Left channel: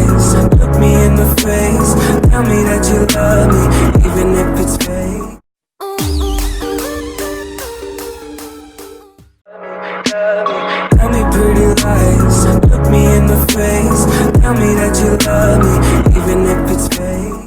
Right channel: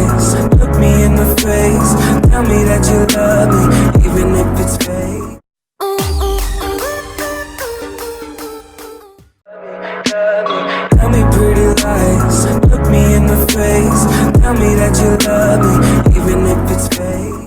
lies. Look me in the face. Tell me that you love me, even if it's fake. Tell me pretty lies. Look me in the face. Tell me that you love me, even if it's fake.